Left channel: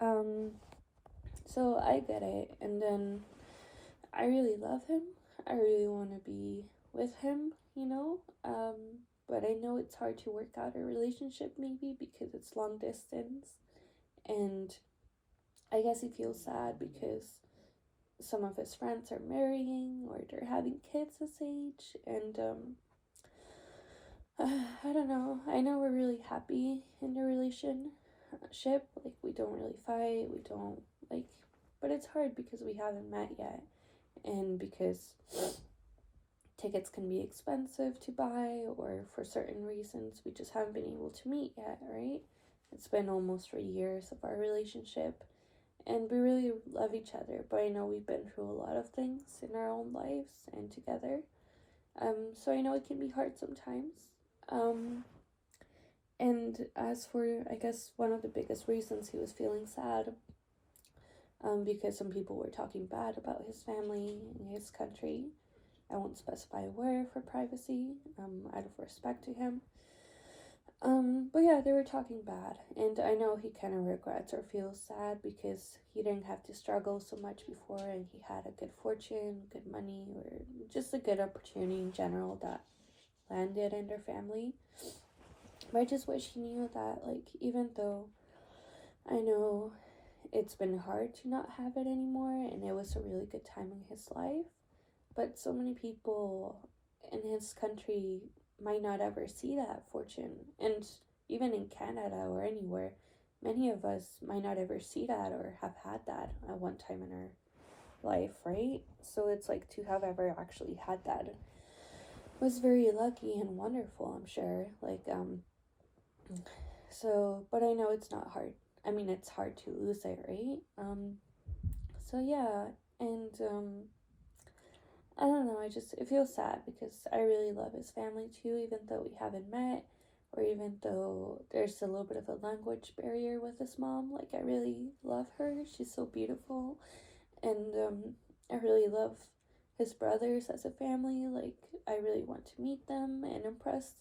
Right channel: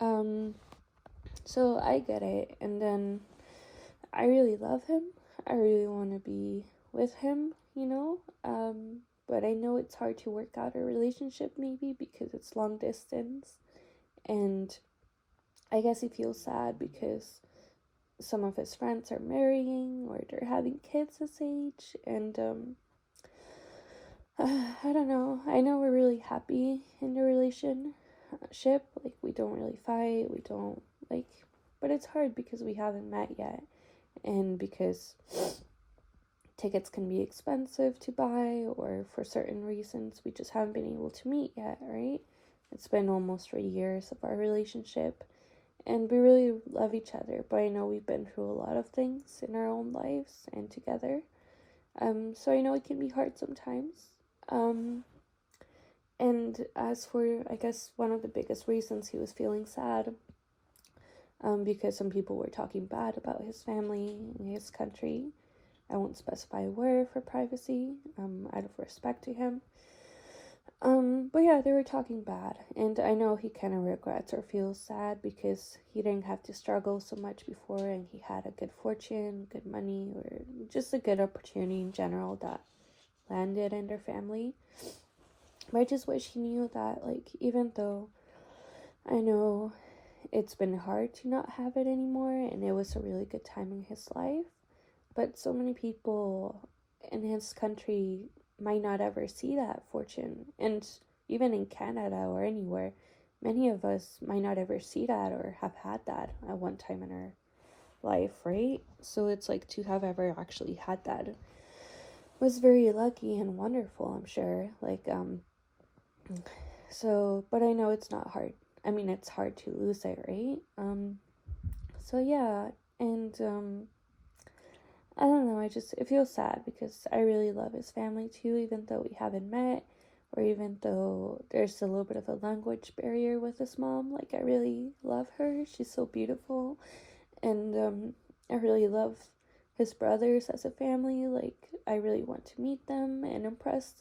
Um, so I get it, and then I really love him. I really want to be with him, but I know it's hard to work out a relationship maybe because it's long distance, and I guess he feels sad because some of his friends are marrying or they're having kids this age, and I don't know. I know we're really happy in the relationship. Like, we don't really fight. We don't, like, but it's hard because we haven't met yet. And because tickets can be expensive to buy, or for certain reasons, we just haven't been able to meet yet, right? It's been almost 3 years of our relationship. And we really love each other. But I know we've been through a lot of things in our own lives and together. So I know it can be hard sometimes. Um, and as for, I guess, one of the biggest reasons he was feeling sad, because some people were talking bad about his family and his country. I won't specify a word for privacy, out of respect to him. But yeah, they were talking bad, and I know he kind of regrets or feels sad because he didn't have to struggle so much before, and he had a good fortune, good money, or just a good opportunity in general that landed in their family. But I just wish he knew that, like, even though I know it's been hard to not have it anymore, and it was a really good time in his life, but so many people in his country might not ever see that fortune. And even in Canada or anywhere, many of us might not ever see that or have had that at one time in our life, right? So it's like, to have ever actually had that was very lucky and wonderful, I'm sure. So, but I know it's not hard. I mean, it's hard to lose it, right? So yeah, and I don't know, it feels sad because I really love his family too, even though we haven't met, or even though there's a little bit of a language barrier with his mom. Like, I really love her. She's so beautiful. And I really love his brothers as a family. Like, I really want to meet them and impress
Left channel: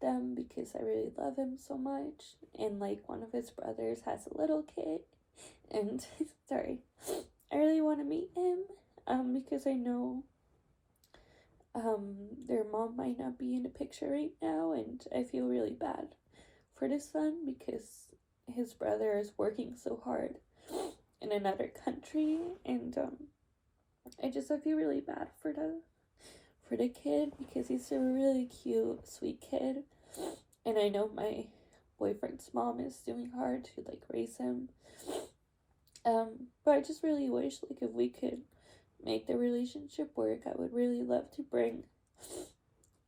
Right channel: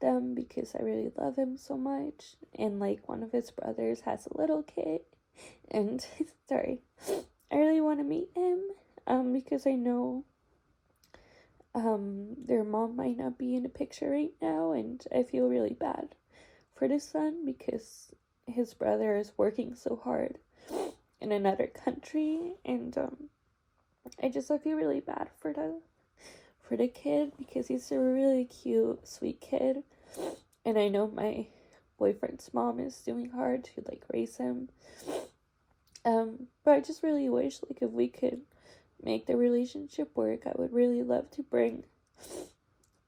them because I really love him so much. And like, one of his brothers has a little kid, and sorry, I really want to meet him, because I know their mom might not be in the picture right now, and I feel really bad for the son because his brother is working so hard in another country, and I feel really bad for the kid because he's a really cute, sweet kid, and I know my boyfriend's mom is doing hard to like raise him. But I just really wish, like, if we could make the relationship work, I would really love to bring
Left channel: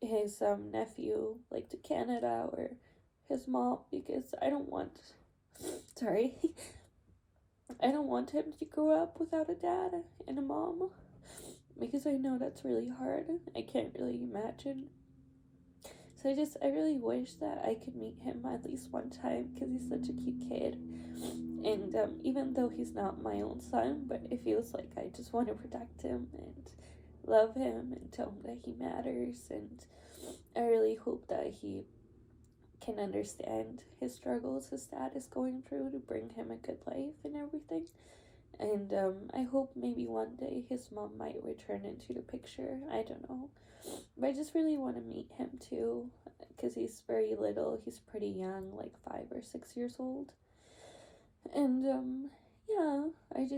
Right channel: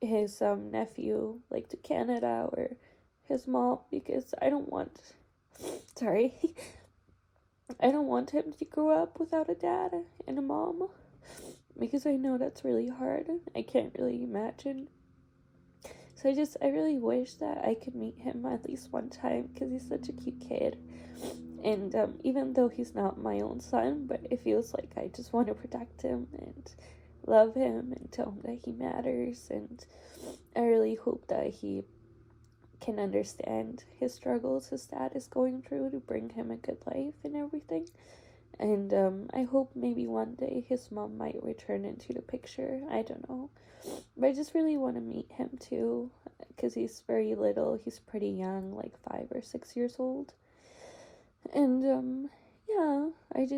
his nephew, like, to Canada, or his mom, because sorry, I don't want him to grow up without a dad and a mom, because I know that's really hard. I can't really imagine. So I really wish that I could meet him at least one time because he's such a cute kid. And even though he's not my own son, but it feels like I just want to protect him and love him and tell him that he matters. And I really hope that he can understand his struggles his dad is going through to bring him a good life and everything. And I hope maybe one day his mom might return into the picture. I don't know. But I just really want to meet him too because he's very little. He's pretty young, like 5 or 6 years old. And yeah, I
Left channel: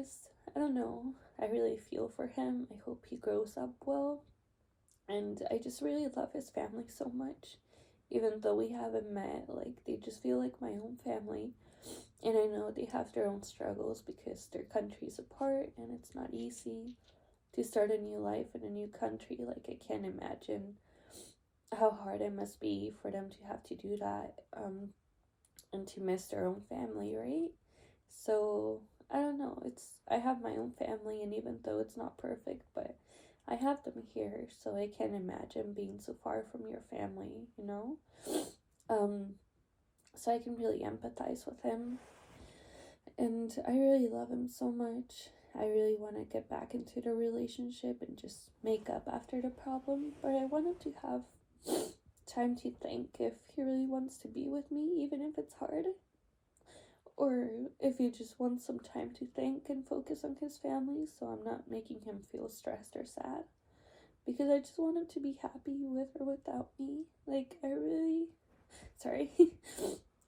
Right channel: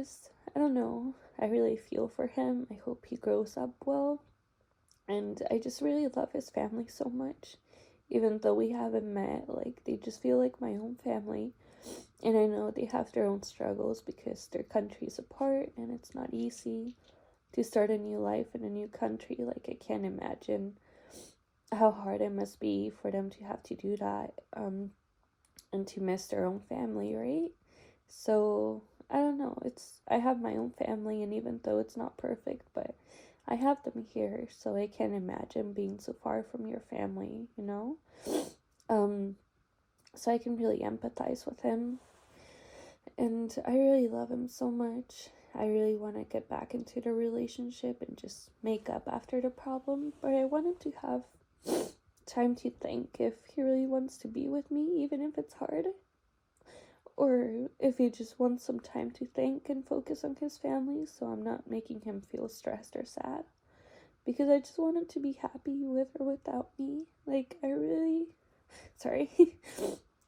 don't know. I really feel for him. I hope he grows up well. And I just really love his family so much. Even though we haven't met, like, they just feel like my own family. And I know they have their own struggles because their country's apart and it's not easy to start a new life in a new country. Like, I can't imagine how hard it must be for them to have to do that, and to miss their own family, right? So I don't know. I have my own family, and even though it's not perfect, but I have them here, so I can't imagine being so far from your family, you know? So I can really empathize with him, and I really love him so much. I really want to get back into the relationship and just make up after the problem, but I wanted to have time to think if he really wants to be with me, even if it's hard, or if he just wants some time to think and focus on his family, so I'm not making him feel stressed or sad. Because I just want him to be happy with or without me. Like, I really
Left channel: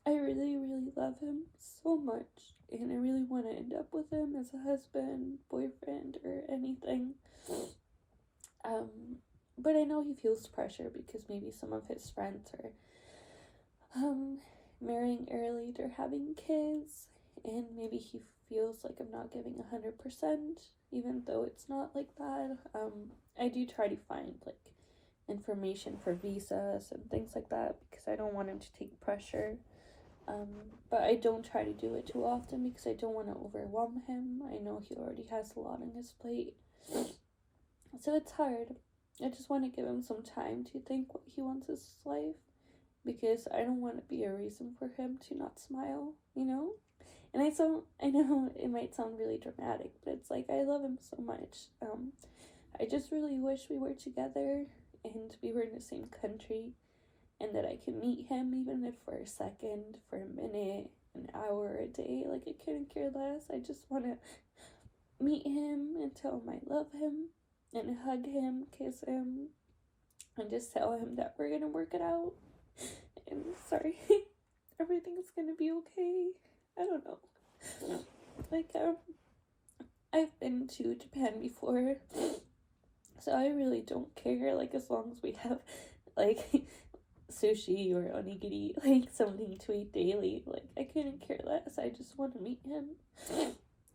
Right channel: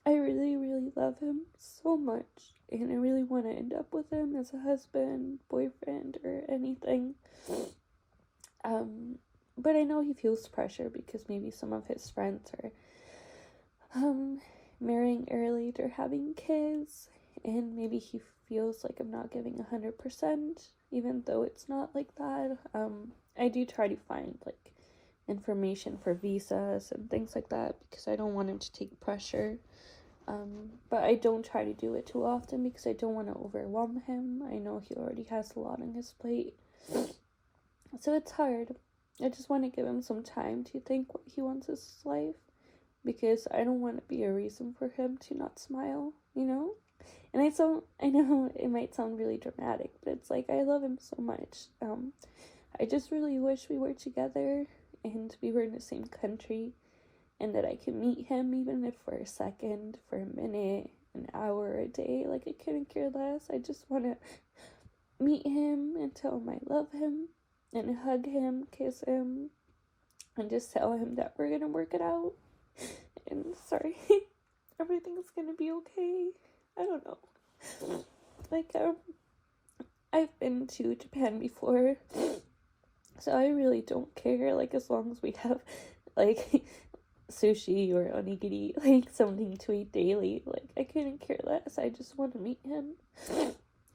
really love him so much. And I really want to end up with him as a husband, boyfriend, or anything. But I know he feels pressure because maybe some of his friends are marrying early, they're having kids, and maybe he feels like I'm not giving 100%, even though it's not like that. I do try to find like information for visas and things like that because I don't want him to take pressure. But I don't try to do it too often because I don't want to overwhelm him. I know he already has a lot on his plate, so it's hard. I just want to give him some time to think what he wants his life, because I don't want to be a reason for him to not smile, you know? And I know it might sound really dramatic, but it's like, I love him so much. I just really wish we were together and we were in the same country, and that I could meet him, even if for a second, for a minute, an hour, a day. Like, I couldn't care less. I just want to meet him and tell him I love him, and hug him, kiss him, and just tell him that we're gonna work it out. And sorry, everything's gonna be okay. I don't know. Like, I've been to Japan before, so I really don't care. Like, as long as we have, like, sushi or onigiri, like, something to eat daily. Like, I couldn't care less. I just want to meet him.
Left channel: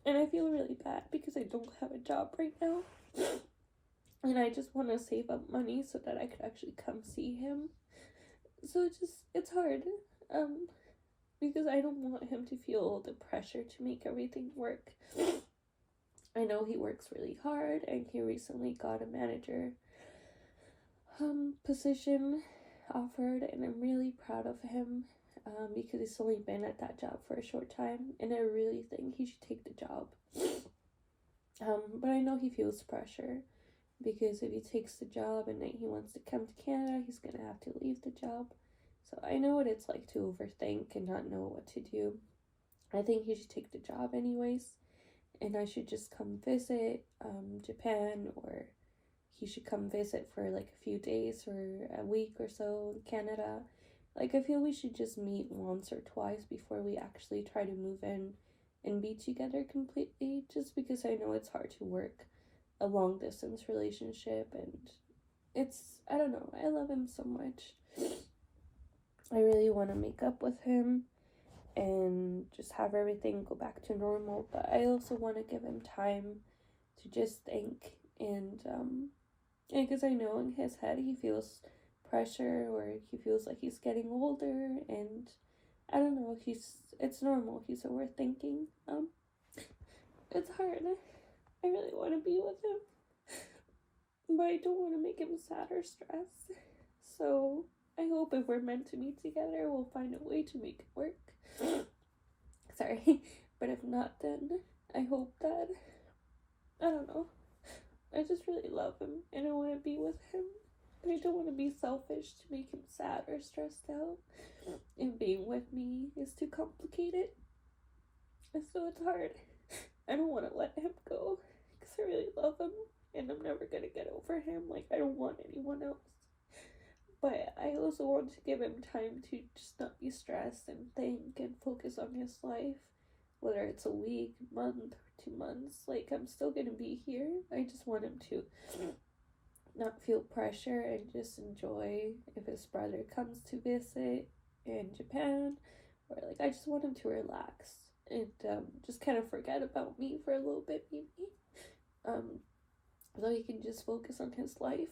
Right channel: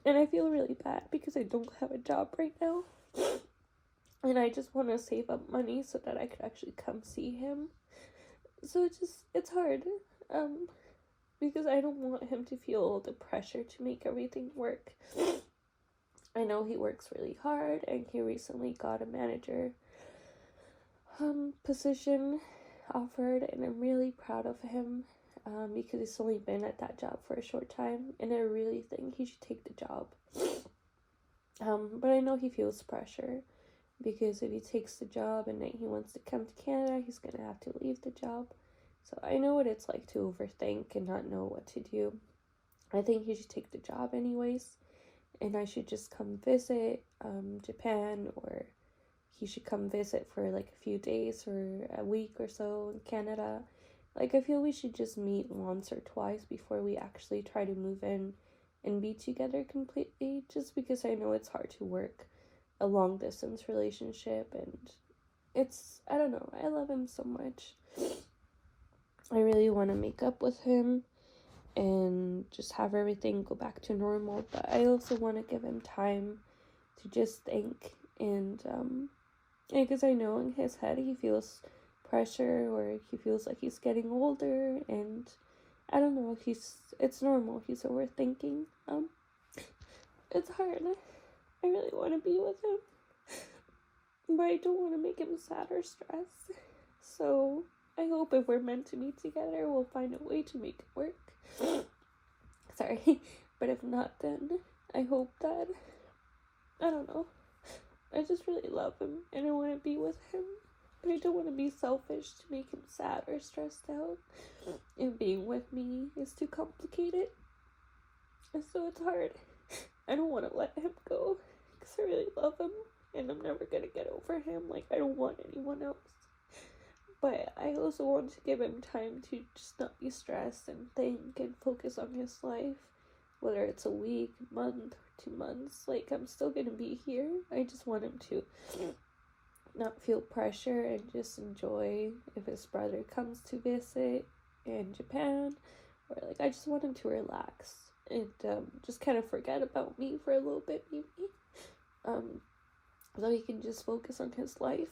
And I feel really bad because I don't have a job right now. And I just want to save up money so that I could actually come see him. So it's hard. Because I don't want him to feel the pressure to make everything work. I know he works really hard, and he recently got a manager position offered, and I'm really proud of him, because he's only been at that job for a short time, and I really think he should take the job. But I know he feels pressure, because if he takes the job and then he wants to come to Canada, he's gonna have to leave the job. So I know what it's like to overthink and not know what to do. I think he should take the job anyways, and I should just come visit Japan, or he should come visit for like a few days or a week or so in Canada. Like, I feel we should just meet once or twice before we actually try to move in and be together completely, just because I know it's hard to work a long distance relationship, and I don't know, I love him so much. I really want to make up with him and just have everything go back to normal, but I also want to give him time to just think, and because I know in his head he feels pressure, or he feels like he's getting older, and I don't know, it's normal, he's overthinking. It's hard. I really want to be with him, but I don't want to make him sad or stressed. So I hope if we're meant to be together, we'll find a way to make it work. Sorry, but if not, then I hope that, I don't know, I just really love him and I want to be with him, but I don't want to be selfish to make him sad or stressed out, and being with me is too complicated, and so it's hard. I don't want to let him go because I really love him, and I'm never gonna get over him. Like, I don't want anyone else. But I also want to give him time to just not be stressed and think and focus on his life. Whether it's a week, month, 2 months, like, I'm still gonna be here. I just want him to not feel pressure and just enjoy if his brother comes to visit in Japan. Or, like, I just want him to relax and just kind of forget about me for a little bit, maybe. So he can just focus on his life.